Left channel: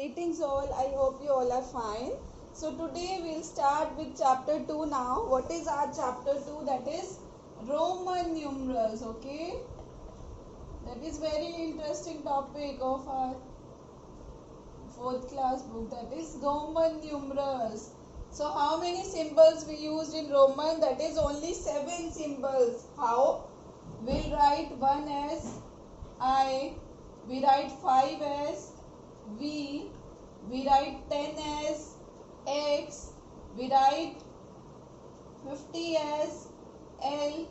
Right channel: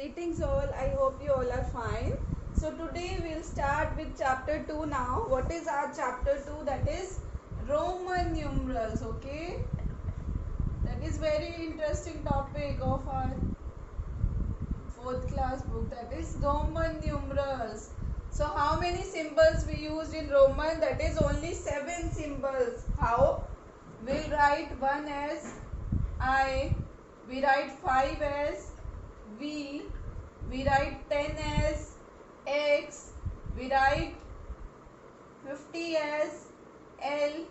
Greetings all, I hope you all are fine. So today we'll start with chapter 2 now. What is our chapter 2? That is Roman numerals, okay? That is very interesting topic of our 4th class book, that is Roman numerals. So how many symbols we used in Roman? That is only 7 symbols. How? We'll write 1 as I, we write 5 as V, we write 10 as X, we write 50 as L,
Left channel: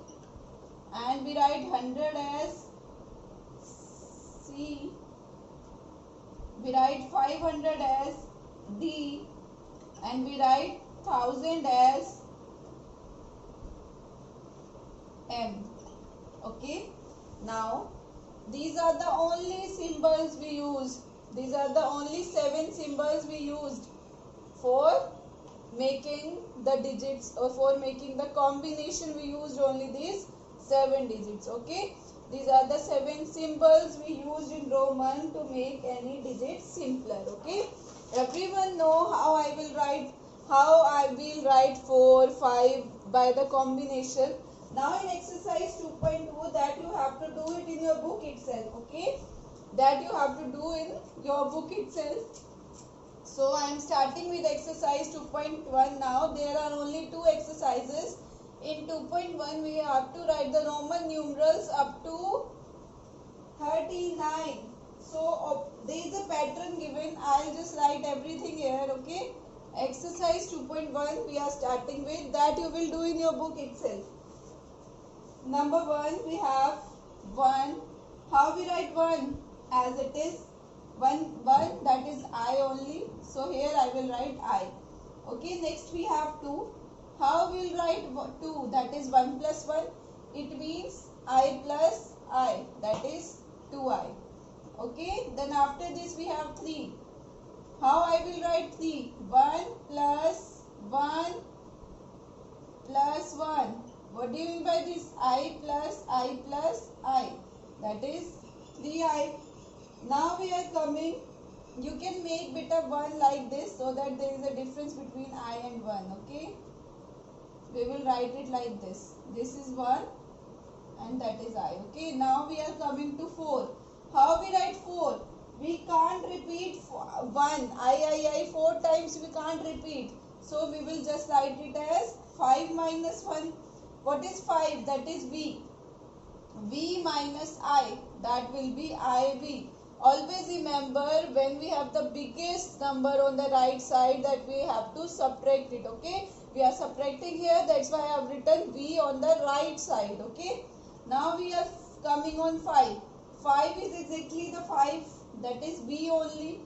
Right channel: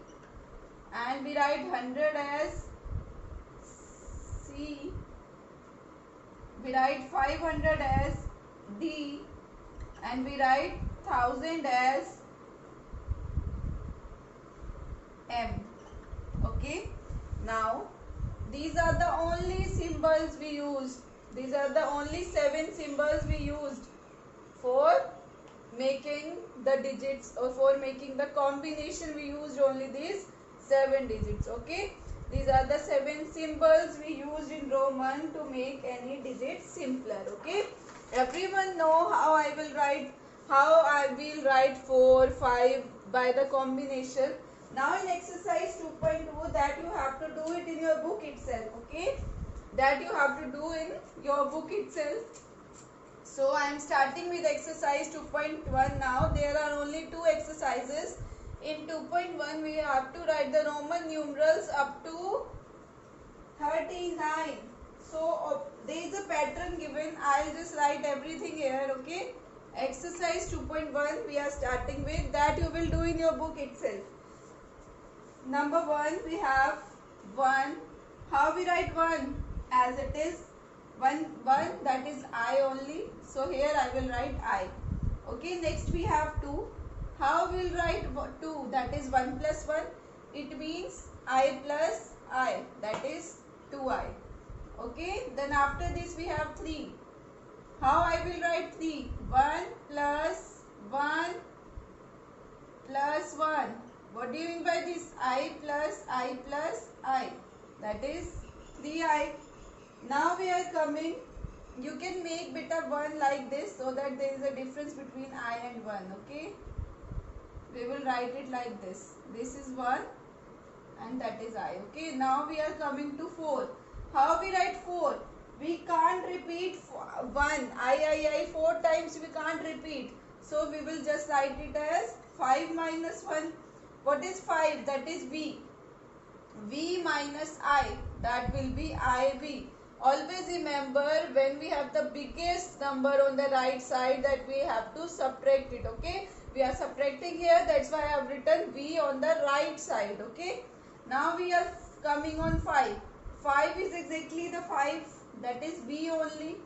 and we write 100 as C, we write 500 as D, and we write 1000 as M. Okay, now these are the only symbols we used. These are the only 7 symbols we used for making the digits, or for making the combination. We used only these 7 digits. Okay, these are the 7 symbols we used in Roman to make any digit simpler. Okay, everyone know how I will write 4, 5 by the combination. Now in exercise 2.2, that you have to do it in your book itself. Okay, that you have to do in your book itself. So I am starting with exercise 2.1 now. There are only 2 exercises. In 2.1 we have to write the Roman numerals up to 39. So there is a pattern given. I'll just write everything here. Okay, exercise 2.1 we are starting with, that you will do in your book itself. Number 1, we have 1. How we write 1? As it is 1, that is I only. So here I will write I. Okay, next we have 2. How we will write 2? That is 1 plus 1. It means I plus I, that is 2I. Okay, then after this we have 3. How I will write 3? 1 plus 1 plus 1. What do you mean by this? I plus I plus I, that is 3I. Now we are coming, you can make bit of 1 like this, so that there is a difference between I and 1. Okay, we will write it like this. This is 1 and that is I. Okay, now we are coming to 4. How we write 4? We can't repeat 1, I 4 times, we can't repeat. So we will just write it as 5 minus 1. What is 5? That is V. V minus I, that will be IV. Always remember, when we have the biggest number on the right side, that we have to subtract it. Okay, we are subtracting here, that's why I have written V on the right side. Okay, now we are coming on 5. 5 is exactly the 5, that is V only.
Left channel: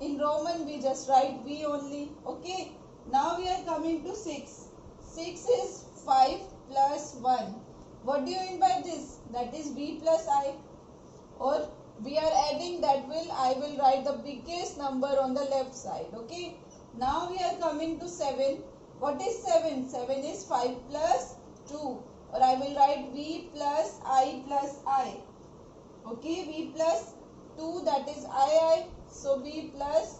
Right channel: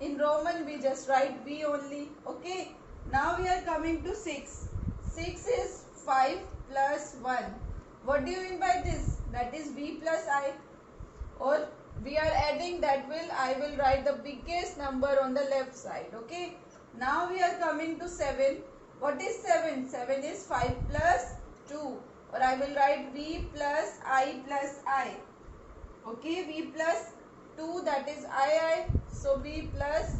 In Roman we just write V only. Okay, now we are coming to 6. 6 is 5 plus 1. What do you mean by this? That is V plus I. Or we are adding, that will, I will write the biggest number on the left side. Okay, now we are coming to 7. What is 7? 7 is 5 plus 2, or I will write V plus I plus I. Okay, V plus 2, that is I, so V plus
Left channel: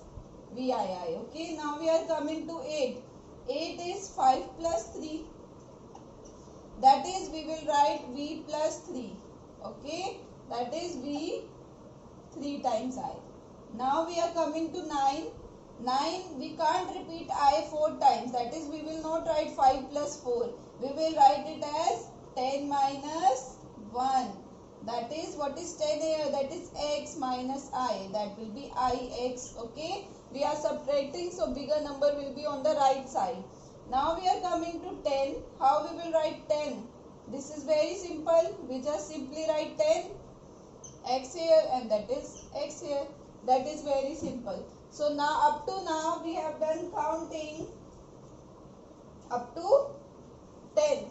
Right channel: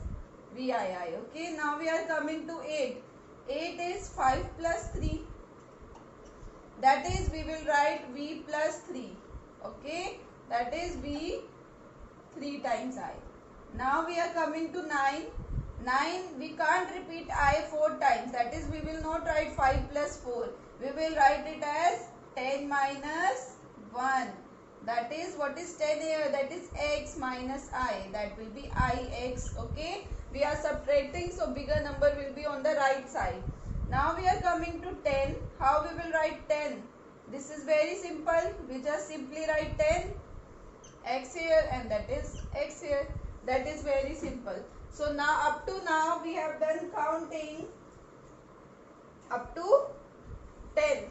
VII. Okay, now we are coming to 8. 8 is 5 plus 3, that is we will write V plus 3. Okay, that is V 3 times I. Now we are coming to 9. 9, we can't repeat I 4 times, that is we will not write 5 plus 4. We will write it as 10 minus 1. That is, what is 10 here? That is X minus I, that will be IX. Okay, we are subtracting, so bigger number will be on the right side. Now we are coming to 10. How we will write 10? This is very simple. We just simply write 10, X here, and that is X here. That is very simple. So now, up to now, we have done counting up to 10.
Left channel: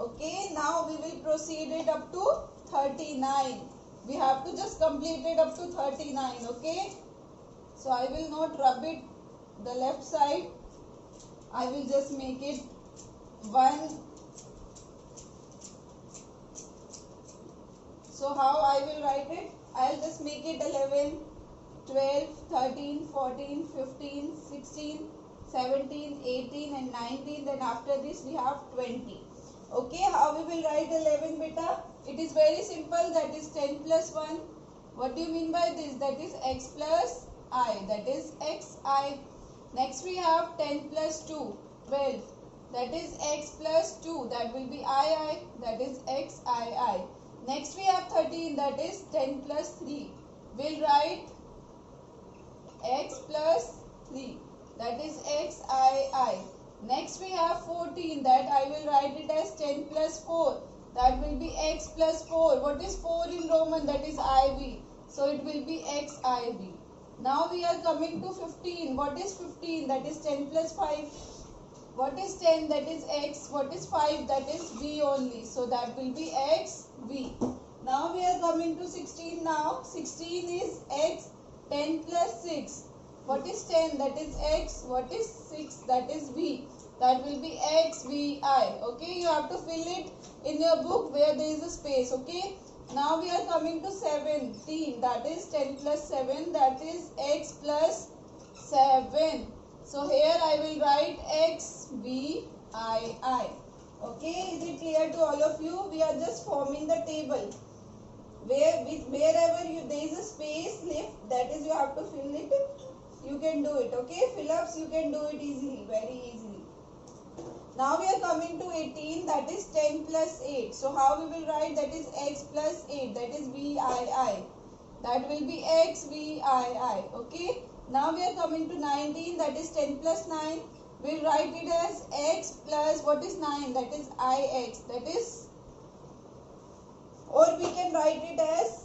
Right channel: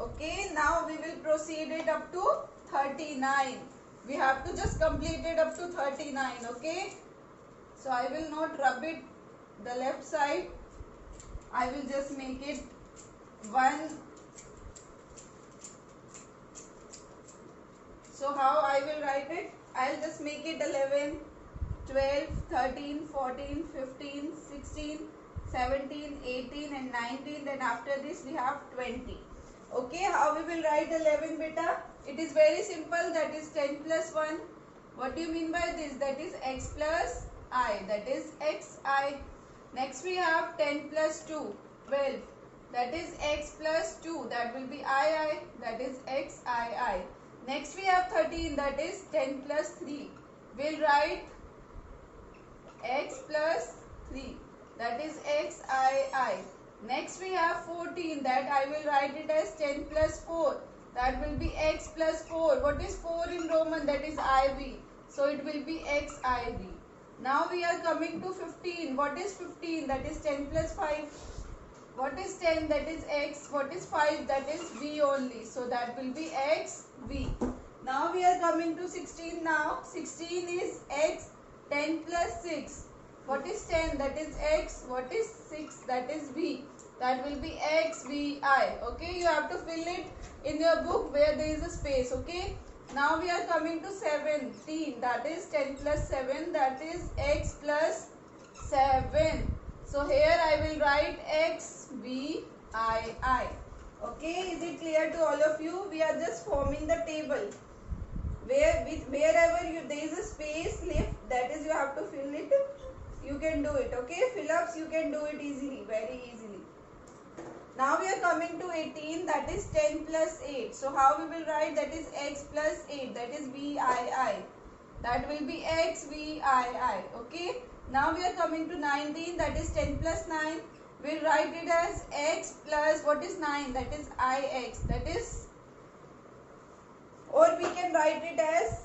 Okay, now we will proceed it up to 39. We have to just complete it up to 39. Okay, so I will not rub it the left side. I will just make it 1. So how I will write it? I'll just make it 11. 12, 13, 14, 15, 16, 17, 18 and 19. Then after this we have 20. Okay, how we will write 11 beta? It is very simple, that is 10 plus 1. What do you mean by this? That is x plus I, that is xi. Next we have 10 plus 2, 12. That is x plus 2, that will be I, that is xii. Next we have 13, that is 10 plus 3. We'll write x plus 3, that is xii. Next we have 14, that I will write it as 10 plus 4, that will be x plus 4. What is 4 in Roman? That is iv, so it will be xiv. Now we are coming to 15. What is 15? That is 10 plus 5. What is 10? That is x. What is 5? That is v only, so that will be xv. Now we are coming to 16 now. 16 is x, 10 plus 6. What is 10? That is x. What is 6? That is v. That will be xvi. Okay, you have to fill it in your book where there is a space. Okay. Now we are coming to 17. That is 10 plus 7. That is x plus 7. So here I will write xvii. Okay, is it clear to all of you? We are just forming the table. Wherever there is a space left, that is you have to fill it. You can do it. Okay, fill ups you can do it easily, very easily. Now we are coming to 18, that is 10 plus 8. So how we will write? That is x plus 8, that is vii. That will be xvii. Okay. Now we are coming to 19, that is 10 plus 9. We'll write it as x plus, what is 9? That is ix. That is, or we can write it as